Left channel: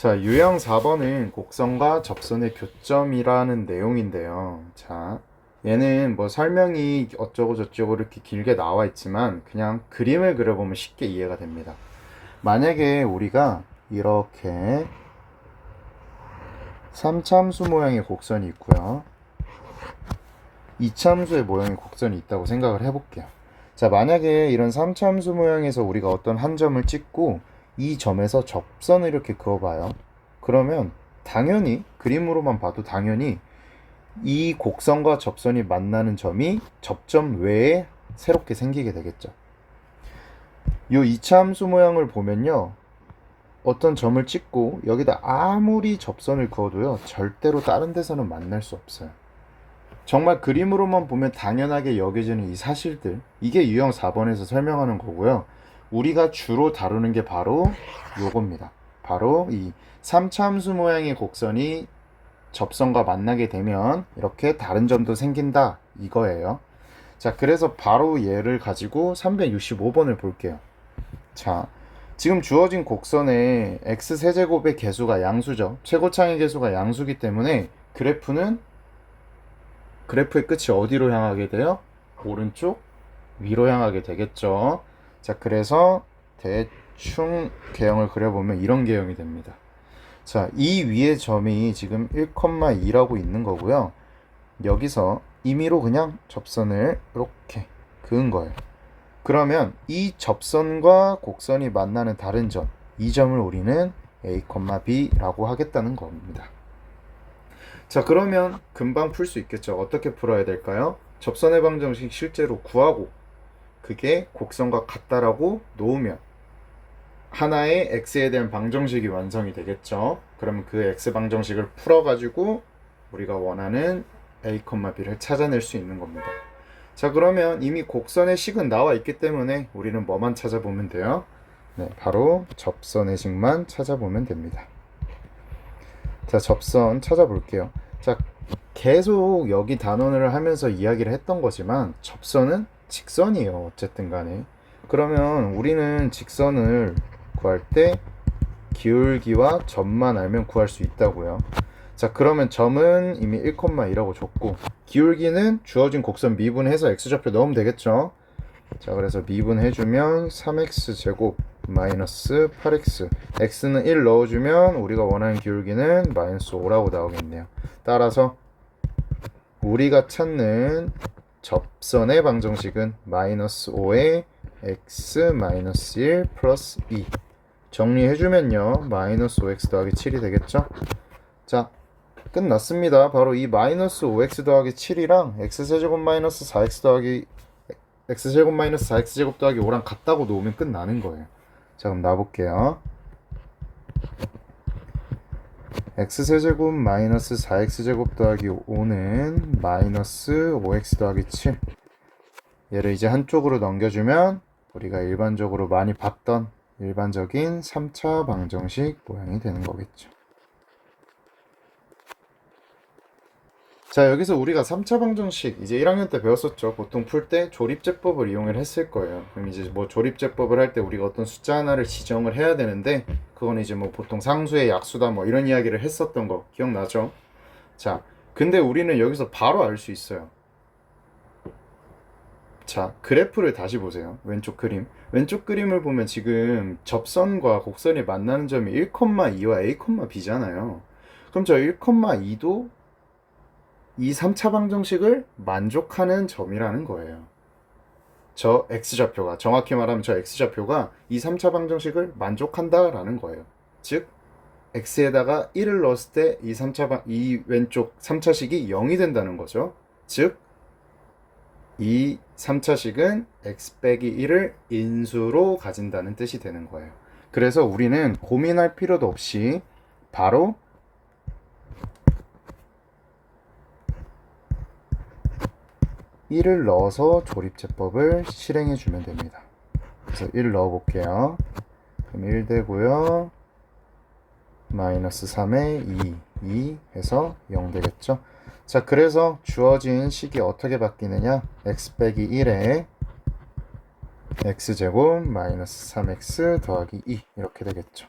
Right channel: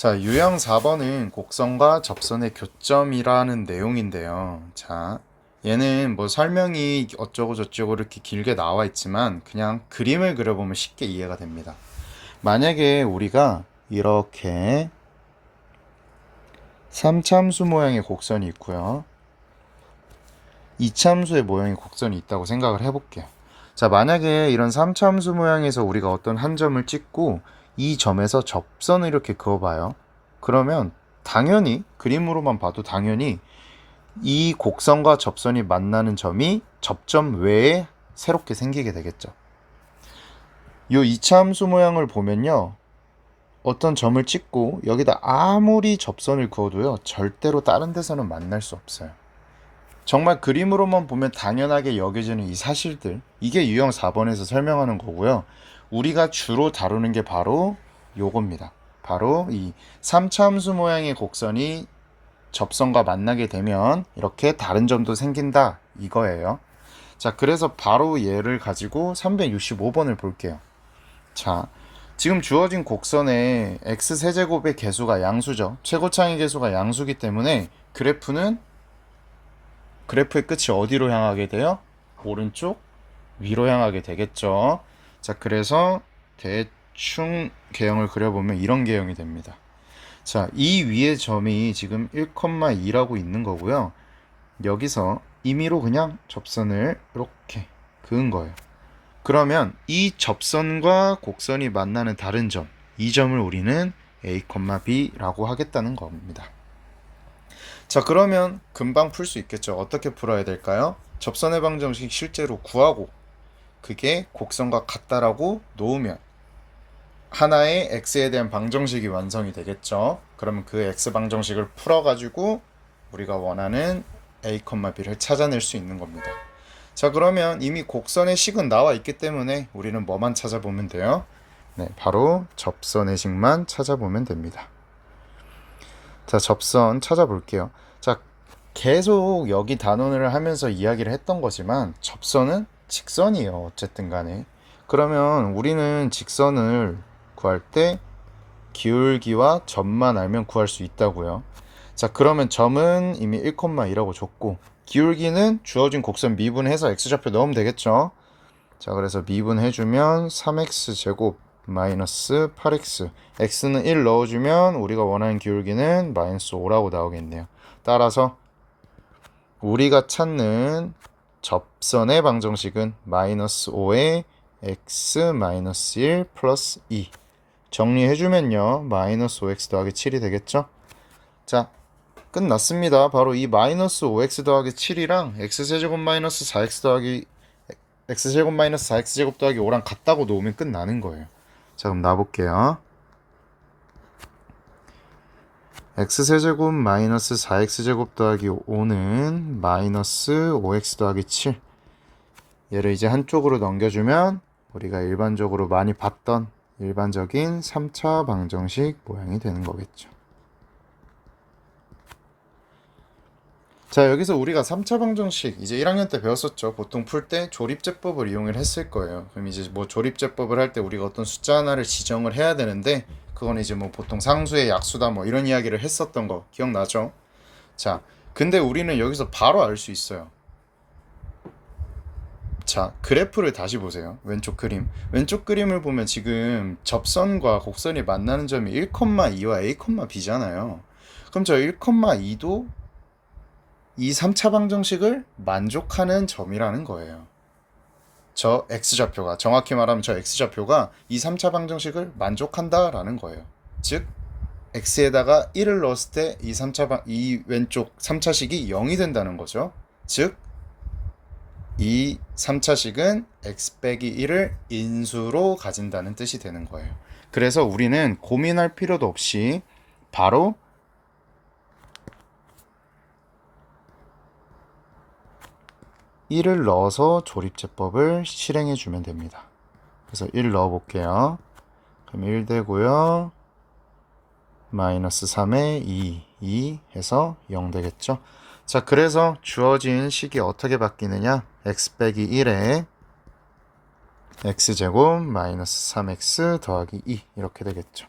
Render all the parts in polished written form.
자, 유형 4번은 곡선과 접선의 교점이라는 내용인데요. 자, 얘는 뭐 설명이 어쩌고 저쩌고 이렇게 길게 나와 있지만 그냥 그림을 그려보면 쉽게 이해가 됩니다. 만약에 우리가 이렇게 삼참수 모양의 곡선이 있고요. 이참수의 모양의 곡선이 있다고 생각을 해볼게요. 자, 만약에 이런 삼참수 모양에서 우리가 어떤 한 점을 찍고 이 점에서 접선을 이렇게 그어봐요. 그러면 당연히 그림으로만 봐도 당연히 이 곡선과 접선이 만나는 점이 접점 외에 새롭게 생기게 되겠죠. 이 이차함수 모양을 보면요, 어떤 점을 찍고 여기다 아무리 접선을 그어도요 절대로 다른 데서는 만날 수 없어요. 정말 그림으로만 보면 당연하게 여겨지는 이 사실들, 이게 유형 4번에서 설명하는 거고요. 우리가 주로 다루는 게 바로 요겁니다. 바로 이 3차 함수 모양의 곡선이 접선과 만나게 되면 이렇게 다른 점도 생긴다, 이거예요. 자, 그래서 바로 얘를 가지고 365번을 볼게요. 자, 지금 주어진 곡선의 x세제곱의 개수가 양수죠. 최고차의 개수가 양수기 때문에 그래프의 끝이 어디로 향하게 돼요? 오른쪽 위로 향하게 되겠죠. 자, 그래서 대충 개형을 그려보면 이런 개형이 됩니다. 자, 이 위의 점이 지금 1,2라고 있는 거고요. 여기서 임의로 그냥 접선을 이렇게 그은 거예요. 그러면 이 접선과 곡선이 만나는 다른 점, 이 점을 우리는 A, B라고 하겠다는 겁니다. 자, 그러면 금방 풀 수 있겠죠. 어떻게 풀어야 될까요? 접선의 방정식 실제로 구하고 그게 곡선과 같다라고 놓으면 하나의 x에 대한 방정식이 완성이 되겠죠. 그럼 그 x 방정식을 풀어가지고 우리가 원하는 a, b를 찾아낼 수 있는 겁니다. 자, 그러면 이미 곡선의 식은 나와 있기 때문에 우리는 뭐만 찾아보면 돼요? 네, 바로 접선의 식만 찾아보면 됩니다. 자, 접선 찾아볼게요. 자, 계속 여기 단원을 하면서 이야기를 했던 거지만 접선은 직선이에요. 어쨌든 간에. 그러면 우리는 직선을 구할 때 기울기와 점만 알면 구할 수 있다고요. 자, 그러면 점은 이미 1,2라고 줬고 기울기는 주어진 곡선 미분해서 x좌표 넣으면 되겠죠. 자, 그래서 미분해주면 3x제곱 마이너스 8x, x는 1 넣어주면 우리가 원하는 기울기는 마이너스 5라고 나오겠네요. 따라서 우리가 찾는 접선의 방정식은 마이너스 5에 x 마이너스 1 플러스 2 정리해주면요 마이너스 5x 더하기 7이 되겠죠. 자, 끝났습니다. 바로 이 마이너스 5x 더하기 7이랑 x제곱 마이너스 4x 더하기 x제곱 마이너스 4x제곱 더하기 5랑 같다고 놓으면 끝나는 거예요. 자, 그럼 놔볼게요. x세제곱 마이너스 4x제곱 더하기 5는 마이너스 5x 더하기 7. 얘를 이제 한쪽으로 넘겨주면 우리가 일반적으로 많이 봤던 일반적인 3차 방정식 모양이 되는 거겠죠. 자, 여기서 우리가 3차 방정식 이제 1학년 때 배웠었죠. 보통 풀 때 조립제법을 이용을 했을 거예요. 그럼 이제 뭐 조립제법을 할 때 우리가 어떤 숫자 하나를 지정을 해야 되는데 그건 이제 뭐 보통 상수의 약수다 뭐 이런 이야기를 했었던 거 기억나죠? 자, 근데 우리는 여기서 바로 알 수 있어요. 자, 그래프를 다시 보세요. 왼쪽 그림. 왼쪽 그림을 보면 지금 접선과 곡선이 만나는 점이 1,2와 A, B잖아요. 그럼 저 1,2도 이 3차 방정식을 만족하는 점이라는 거예요. 저 x좌표가, 정확히 말하면 저 x좌표가 이 3차 방정식을 만족한다라는 거예요. 즉 x에다가 1을 넣었을 때 이 왼쪽 3차식이 0이 된다는 거죠. 즉 이 3차식은 x 빼기 1을 인수로 가진다는 뜻이 되는 거예요. 그래서 우리는 고민할 필요도 없이 바로 (1을) 넣어서 조립제법을 실행해 주면 됩니다. 그래서 1 넣어 볼게요. 그럼 1 되고요. 마이너스 3에 2 해서 0 되겠죠. 자, 그래서 주어진 식이 어떻게 바뀌느냐? x 빼기 1에 x제곱 마이너스 3x 더하기 2 이렇게 되겠죠.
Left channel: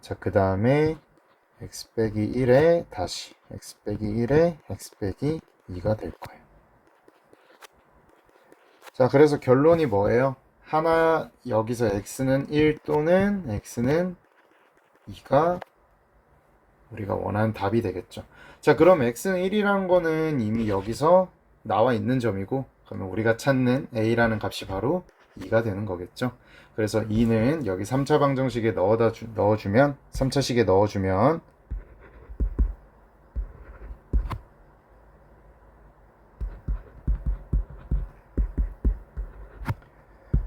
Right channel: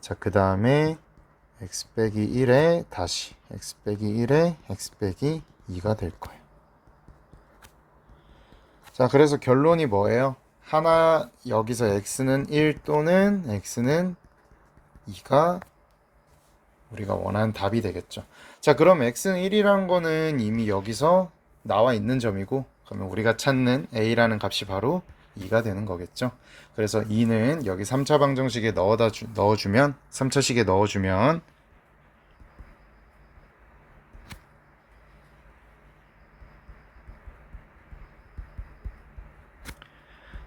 자, 그 다음에 x 빼기 1에 다시 x 빼기 1에 x 빼기 2가 될 거예요. 자, 그래서 결론이 뭐예요? 하나, 여기서 x는 1 또는 x는 2가 우리가 원하는 답이 되겠죠. 자, 그럼 x는 1이라는 거는 이미 여기서 나와 있는 점이고, 그러면 우리가 찾는 a라는 값이 바로 2가 되는 거겠죠. 그래서 2는 여기 3차 방정식에 넣어주면 3차식에 넣어주면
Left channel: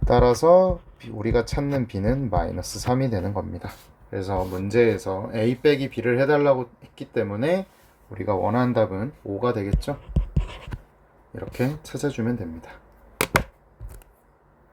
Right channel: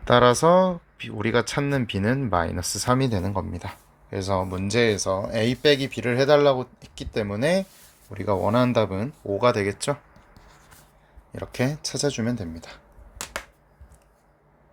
따라서 우리가 찾는 b는 마이너스 3이 되는 겁니다. 그래서 문제에서 a 빼기 b를 해달라고 했기 때문에 우리가 원하는 답은 5가 되겠죠. 이렇게 찾아주면 됩니다.